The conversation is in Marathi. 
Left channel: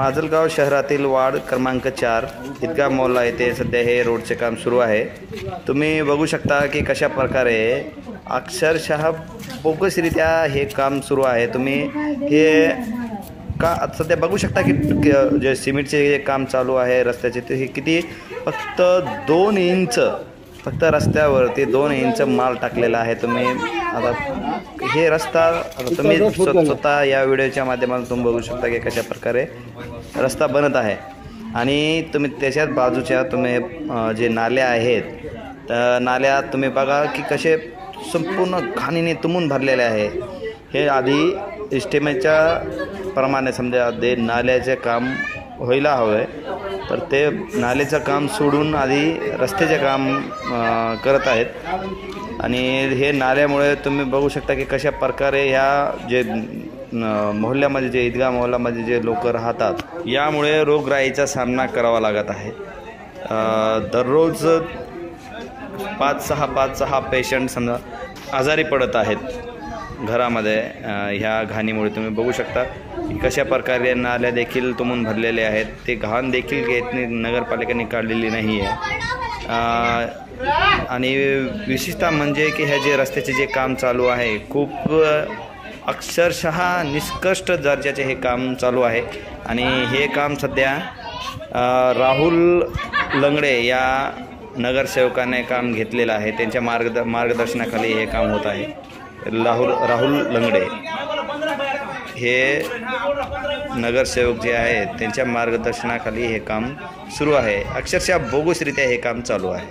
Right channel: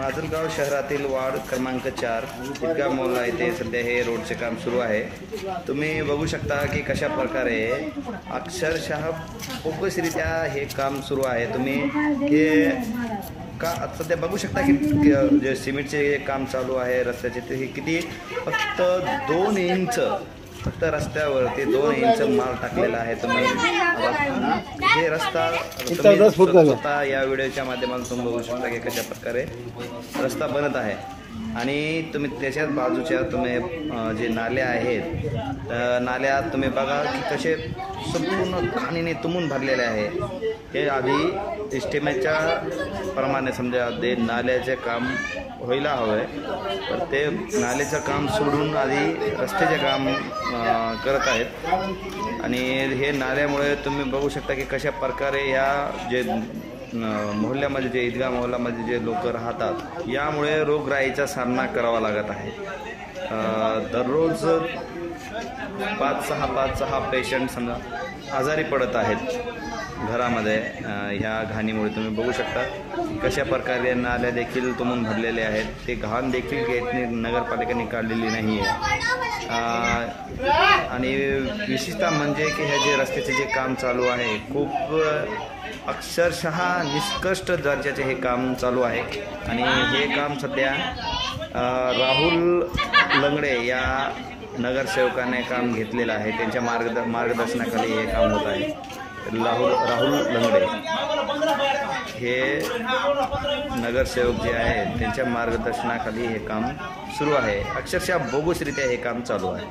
माजलगाव शहरातील वार्ड क्रमांक 4 ईदगाह मोहल्ला येथे सध्या हे रोडचे काम सुरू आहे। तुम्ही बघू शकता की कशा प्रकारे अक्षरशः बोगसरित्या हे काम सुरू आहे। तुम्ही हे का सध्या बघू शकता की जे सिमेंटचे काम चालू आहे रस्त्याचे, ते हे किती फक्त 2 इंच फक्त रस्त्यावरती 2 इंच माल टाकलेला आहे। तुम्ही आता हे रस्ता तुम्ही स्वतः या व्हिडिओच्या माध्यमातून तुम्ही बघू शकता की कशा प्रकारे रस्ता बनत आहे। आणि तुम्ही त्याच्याच बाजूच्या तुम्ही जे नाले आहेत नाल्यात तुम्ही बघा की कसे संपूर्ण घाणीने तुंबून भरलेले आहे। हे आधी इस्टिमेटच्या प्रमाणे समजा ते नाल्याचे काम व्हायला हवे, तर ते नाल्याचं काम सोडून आधी रस्त्याचे काम करत आहेत। आणि हे नाल्यामुळे तुम्ही बघू शकता की कशा प्रकारे ह्या जे मोहल्ल्यामध्ये जे ईदगाह मोहल्ल्यामध्ये जे लोक राहतात यामुळे रोगराईचा सामना करावा लागत आहे। दररोज 5-6 पेशंट समजा आजारी पडत आहेत घरामध्ये ह्या घाणीमुळे। तुम्ही बघू शकता कशा प्रकारे नाल्या देखील तुंबून भरलेले आहेत। ते घाण देखील नगरपालिकेने काढलेली नाही आहे। आणि विशेषतः म्हणजे की ह्या जे रस्त्याचे जे काम चालू आहे खूप अक्षरशः निष्कृष्ट दर्जाचे हे काम चालू आहे। आणि हे काम सध्या राहुल लंगडे या नगरसेवकाने काम घेतलेलं आहे। त्यांच्या मार्गदर्शनाखाली हे काम होत आहे। राहुल लंगडे हे नगरसेवक जे आहेत त्यांच्या मार्गदर्शनाखाली हे काम सुरू आहे। अक्षरशः बोगसरित्या हे काम चालू आहे।